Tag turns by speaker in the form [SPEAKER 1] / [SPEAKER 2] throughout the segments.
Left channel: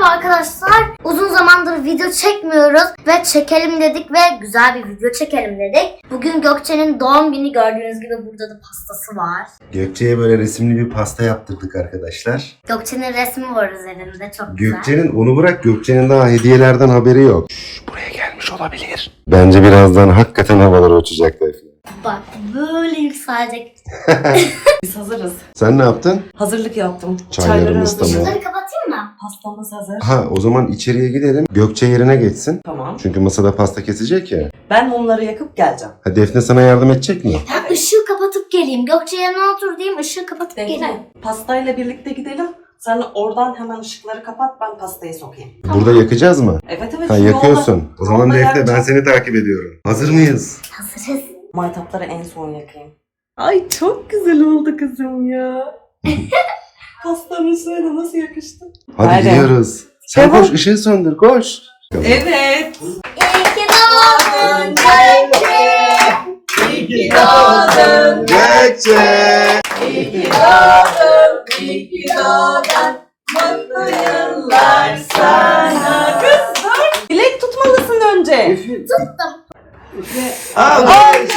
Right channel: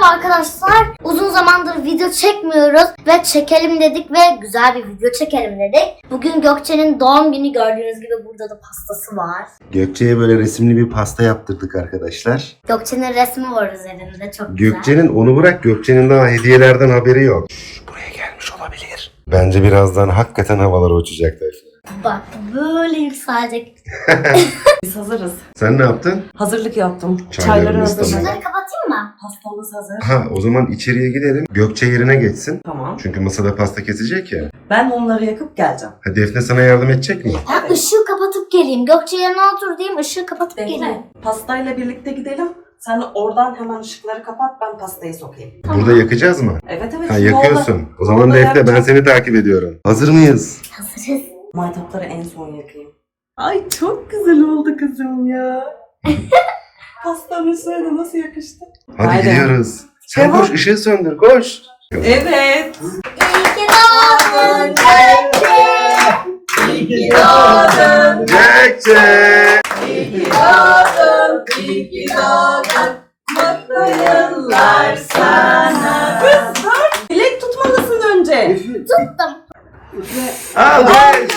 [SPEAKER 1] Merhaba arkadaşlar. Uzun zamandır video çekmiyoruz ve çekelim dedik ve güzel bir video çekelim dedik. Bugün Gökçe'nin doğum günü, gördüğünüz gibi burada da pastası var.
[SPEAKER 2] Gökçe'ye böyle resimli bir pasta yaptırdık arkadaşlar.
[SPEAKER 1] Gökçe'nin resmi var üzerinde, çok güzel.
[SPEAKER 2] Gökçe'nin, onu bırak, Gökçe'nin daha hediyelerden haberi yok. Buraya gelmiş olabilir. Bence birazdan hakikaten havalar uçacak Defne.
[SPEAKER 1] Bak böyle yükselecek.
[SPEAKER 3] Biz hazırız.
[SPEAKER 2] Sen ne yaptın?
[SPEAKER 3] Hazırlık yaptım.
[SPEAKER 2] Çaylarımız
[SPEAKER 3] hazır.
[SPEAKER 2] tamam.
[SPEAKER 1] Şunları kapatayım mı?
[SPEAKER 3] Pastamız hazır.
[SPEAKER 2] Ha, o zaman içeriye gidelim. Gökçe yerine geçsin.
[SPEAKER 3] Tamam.
[SPEAKER 2] Çünkü masada pasta kesecek ya.
[SPEAKER 3] Ben mumları yakıp geleceğim.
[SPEAKER 2] Ha, Defne sana yardım edecek mi?
[SPEAKER 1] Ben ışığı kapatıp geleyim. Gökçe yerine otur diyeyim, ışığı kapatıp geleyim.
[SPEAKER 3] Bekle. Pastayla birlikte gidelim. Sen oradan hemen ışıkları kapat, ben pastayı sokayım.
[SPEAKER 2] Burada yakacağız mı?
[SPEAKER 3] Evet evet.
[SPEAKER 2] Ha,
[SPEAKER 3] şimdi
[SPEAKER 2] yakıyorsun.
[SPEAKER 3] orada-
[SPEAKER 2] O zaman
[SPEAKER 3] orada
[SPEAKER 2] Defne, ben
[SPEAKER 3] yakacağım.
[SPEAKER 2] seni takip ediyorum. Hazır mıyız?
[SPEAKER 1] Hazırız.
[SPEAKER 3] Maytapları en son yakayım. Ay çok güzel oldu kızım ya. Pastanın şöyle nasıl yakıştı?
[SPEAKER 2] Hadi gidiyoruz. Sen
[SPEAKER 3] Devam.
[SPEAKER 2] koş, ışığı söndür, koş.
[SPEAKER 3] Evet.
[SPEAKER 1] İyi ki doğdun Gökçe.
[SPEAKER 3] İyi ki doğdun.
[SPEAKER 2] Gökçe!
[SPEAKER 3] İyi ki doğdun. İyi ki doğdun. Mutlu yıllar sana. Kız bak. Dilek tutmalısın önce.
[SPEAKER 1] Tuttum.
[SPEAKER 2] Al.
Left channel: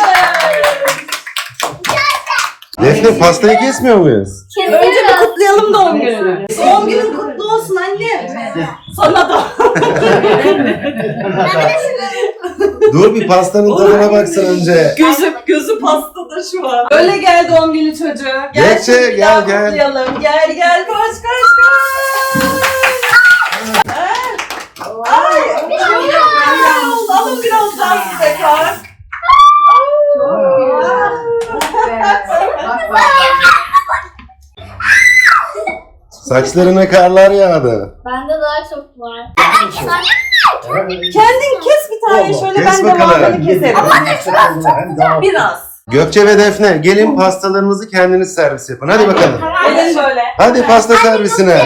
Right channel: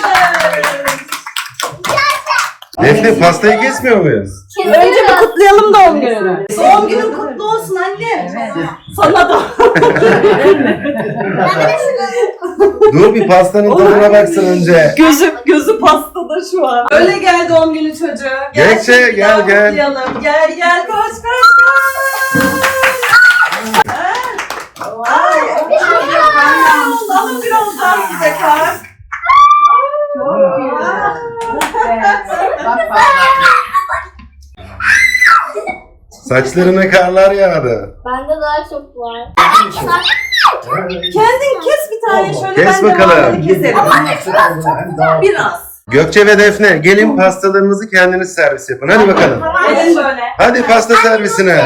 [SPEAKER 2] Defne, pastayı kesmiyor muyuz?
[SPEAKER 3] Önce bir kutlayalım doğum gününü. Doğum günün kutlu olsun anne. Sana da.
[SPEAKER 2] Dur, bir pastanın tadına baksın önce.
[SPEAKER 3] Gözü pastada şu an. Öyle gel doğum günü çocuğu.
[SPEAKER 2] Gökçe,
[SPEAKER 3] şimdi
[SPEAKER 2] gel,
[SPEAKER 3] daha
[SPEAKER 2] gel.
[SPEAKER 3] kutlayalım. Gel koş koş koş. Ay. Alın biraz daha size kalk.
[SPEAKER 2] Saçlarına karlar yağdı.
[SPEAKER 1] Bende daha çok var.
[SPEAKER 3] Kendin kes bir tane şöyle.
[SPEAKER 2] Kes
[SPEAKER 3] ben de
[SPEAKER 2] bakalım.
[SPEAKER 3] böyle keserim. Biraz.
[SPEAKER 2] Gökçe ve Defne, gelin pastalarınızı kendiniz servis yapın. Hadi bakalım.
[SPEAKER 3] Gelin şöyle.
[SPEAKER 2] Hadi pasta servisine.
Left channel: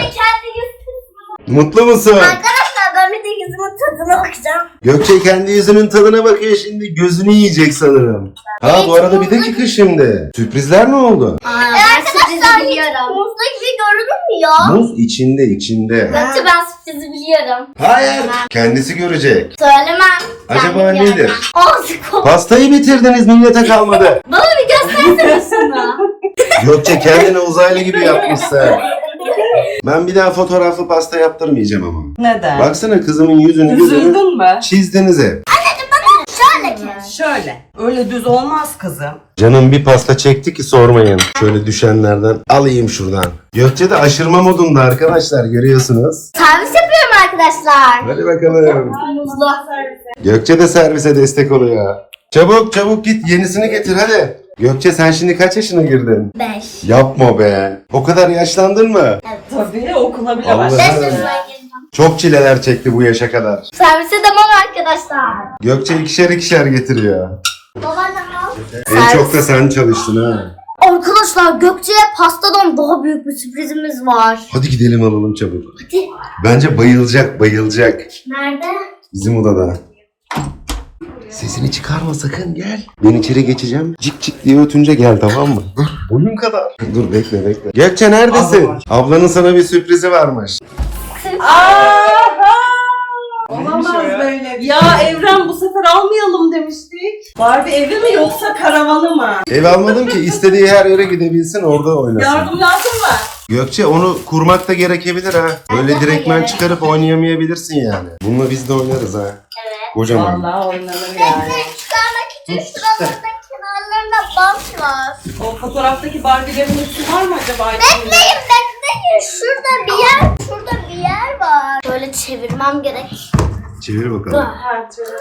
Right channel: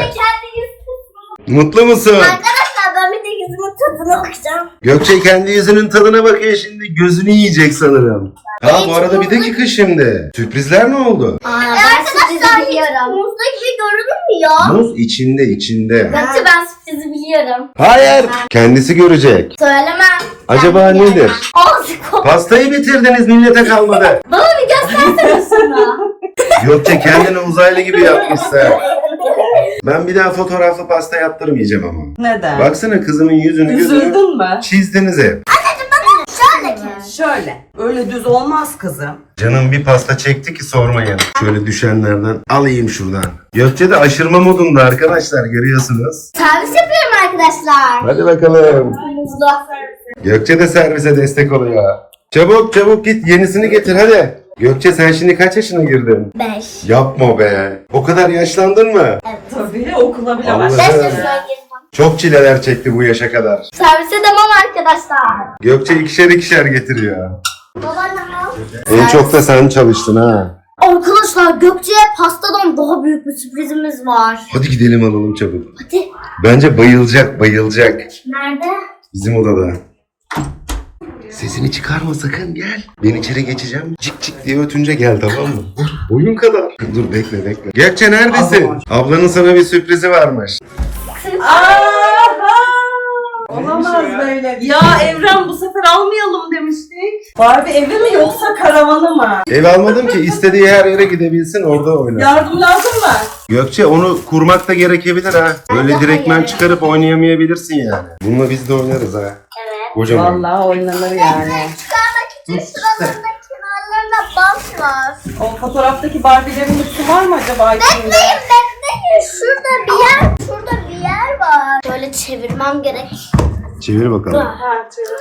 [SPEAKER 2] Mutlu musun?
[SPEAKER 1] Arkadaşlar ben bir de yüzümün tadına bakacağım.
[SPEAKER 2] Gökçe kendi yüzünün tadına bakıyor, şimdi gözünü yiyecek sanırım. Ha, bu arada bir dakika şimdi. Sürprizler ne oldu?
[SPEAKER 1] Ben sürprizi biliyorum. Muzlu gibi görünür mü ya?
[SPEAKER 2] Muz içinde.
[SPEAKER 1] Gökçe ben sürprizi biliyorum.
[SPEAKER 2] Hayır. Kendisi görecek.
[SPEAKER 1] Söylemem.
[SPEAKER 2] Acaba
[SPEAKER 1] Ben
[SPEAKER 2] nedir?
[SPEAKER 1] biliyorum. Ağzı kolu.
[SPEAKER 2] Pastayı bitirdiniz, millete kalmadı.
[SPEAKER 1] Bana bir göstersene şunu.
[SPEAKER 2] Gökçe kendini uzaylı gibi yapmışsın. Ben bir daha fotoğraflı pasta yaptırmayacağım ama.
[SPEAKER 3] Neden?
[SPEAKER 2] Baksana kızımın yüzünü gözünü
[SPEAKER 3] Üzüldün mü?
[SPEAKER 2] çizdiniz hep.
[SPEAKER 1] Şöyle ki.
[SPEAKER 3] Şöyle. Öyle düz olmaz kızım.
[SPEAKER 2] Canım bir pasta çekti ki sormayın. Şöyle düşenlerden alayım şuradan. Gökçe de aşırma modunda arkadaşlar, görüyorsunuz.
[SPEAKER 1] Servis yapıyorum arkadaşlar.
[SPEAKER 2] Hadi bakalım.
[SPEAKER 1] Muzlu.
[SPEAKER 2] Gökçe de servise destek oluyor. Çabuk git yenisini getir hadi. Gökçe, sen şimdi kaç yaşına girdin?
[SPEAKER 1] 5.
[SPEAKER 2] Yapma be. O kadar yaşlandın mı?
[SPEAKER 3] Tabii okula bile
[SPEAKER 2] Allah.
[SPEAKER 1] 5
[SPEAKER 3] başladı.
[SPEAKER 1] yaşına girdim.
[SPEAKER 2] Çok çileler çekti bu yaşa kadar.
[SPEAKER 1] Servise devam arkadaşlar.
[SPEAKER 2] Gökçe ikişer getiriyor.
[SPEAKER 1] Baba ne
[SPEAKER 2] En çok da sen çalıştın ha.
[SPEAKER 1] Arkadaşlar Gökçe'ye pastadan daha büyük bir sürprizimiz var.
[SPEAKER 2] Hadi gidelim alalım çabuk.
[SPEAKER 1] Hadi.
[SPEAKER 2] Bence bayılacak.
[SPEAKER 1] Nerede?
[SPEAKER 2] Bizim odada. Sesini çıkarma sakın, gel. Ben içeri geçeceğim. Cik cik diye ötünce gel, tamam mı? Dur, boyun kadar. Dur, bekle. Gökçe neredesin? Ablanın sana bir sürprizi varmış.
[SPEAKER 3] Aha! Olamaz böyle. Ya Evren, bu sefer almayalım demiştik. Barbie evi mi yoksa karavanı mı?
[SPEAKER 2] Ev almadım ki, istediği her yere gidebilsin, orada oynasın.
[SPEAKER 3] Yardım lazım mı?
[SPEAKER 2] Gökçe, onu kurmak da gerekebilir ha. Öyle direktmen çıkarıp oynayamayabilirsin yani. Bununla biz de oynarız ha.
[SPEAKER 1] Evet.
[SPEAKER 2] Kocaman.
[SPEAKER 3] Vallahi oynanır yani.
[SPEAKER 1] Çıkarmak için şuralarında kenarlarına bant var.
[SPEAKER 3] O fotoğraftaki Barbie'lerin üstü var mı acaba?
[SPEAKER 1] Bekleyin. Şurada bir yer var. Böyle çevirmem gerek.
[SPEAKER 2] Çevir bakalım.
[SPEAKER 3] Ha, çevir.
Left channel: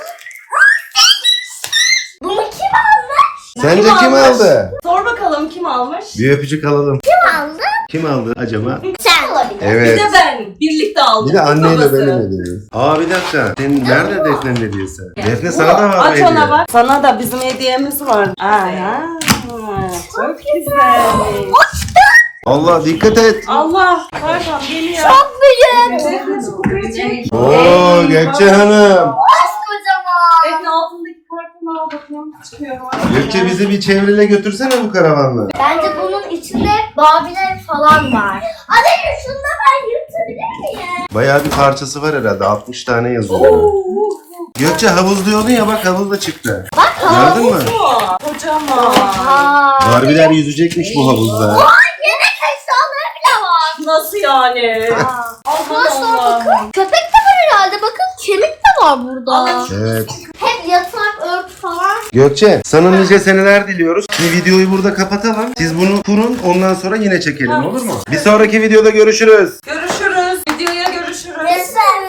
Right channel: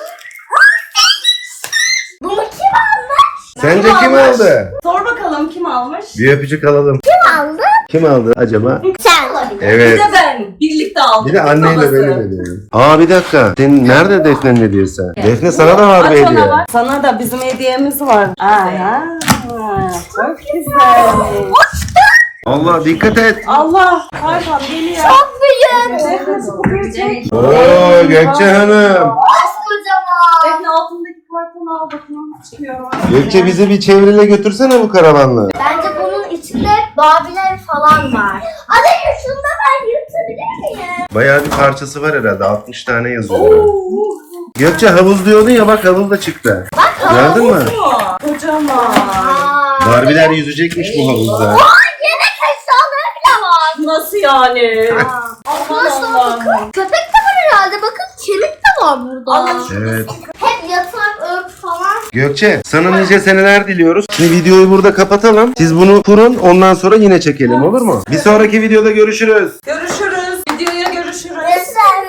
[SPEAKER 1] Bunu kim aldı?
[SPEAKER 2] Sence kim aldı?
[SPEAKER 3] Sor bakalım kim almış?
[SPEAKER 2] Bir öpücük alalım.
[SPEAKER 1] Kim aldı?
[SPEAKER 2] Kim aldı acaba?
[SPEAKER 1] Sen olabilir.
[SPEAKER 3] Bir
[SPEAKER 2] Evet.
[SPEAKER 3] de ben. Birlikte aldık.
[SPEAKER 2] Bir de anneyle
[SPEAKER 3] babası.
[SPEAKER 2] benim hediyemiz. Aa, bir dakika. Senin nerede Defne'nin hediyesi? Defne sana da var
[SPEAKER 3] Aç
[SPEAKER 2] bir
[SPEAKER 3] ona
[SPEAKER 2] hediye.
[SPEAKER 3] bak. Sana da bizim hediyemiz var. Aha. Çok güzel.
[SPEAKER 2] Allah, dikkat et.
[SPEAKER 3] Allah. Pardon geliyor.
[SPEAKER 1] Çok büyük.
[SPEAKER 3] Defne şu kutuyu çek.
[SPEAKER 2] Oo, Gökçe Hanım.
[SPEAKER 1] Kocaman.
[SPEAKER 3] Defne altındaki kartonu al bakayım. Çıkıyor.
[SPEAKER 2] Gökçe, bizi bir çevrele götürsene bu karavanla.
[SPEAKER 1] Bence bunun içinde Babiler falan var. Hadi şunu da ben yırtabilir
[SPEAKER 2] Bayağı bir parçası var herhalde. 60 tane yazıyor. Gökçe havuz diyordun ya, bak havuz da çıktı. Gördün mü?
[SPEAKER 3] Kocaman.
[SPEAKER 2] Barbie'ler yüzecekmiş bu havuzda.
[SPEAKER 1] Yemek eşyaları bile var.
[SPEAKER 3] Nasıl yani?
[SPEAKER 1] Arkadaşlar
[SPEAKER 3] Allah.
[SPEAKER 1] bakın. Köpek de var herhalde. Bakın kemik de var burada.
[SPEAKER 2] Evet.
[SPEAKER 1] Hep yatak, örtü falan.
[SPEAKER 2] Gökçe, sana nice seneler diliyoruz. Şimdi videoyu burada kapatalım. Siz bunu kurun, ondan sonra yine çekelim, olur mu? Bir sonraki videoda görüşürüz.
[SPEAKER 3] Görüşürüz. Videoya görüşürüz.
[SPEAKER 1] Görüşürüz.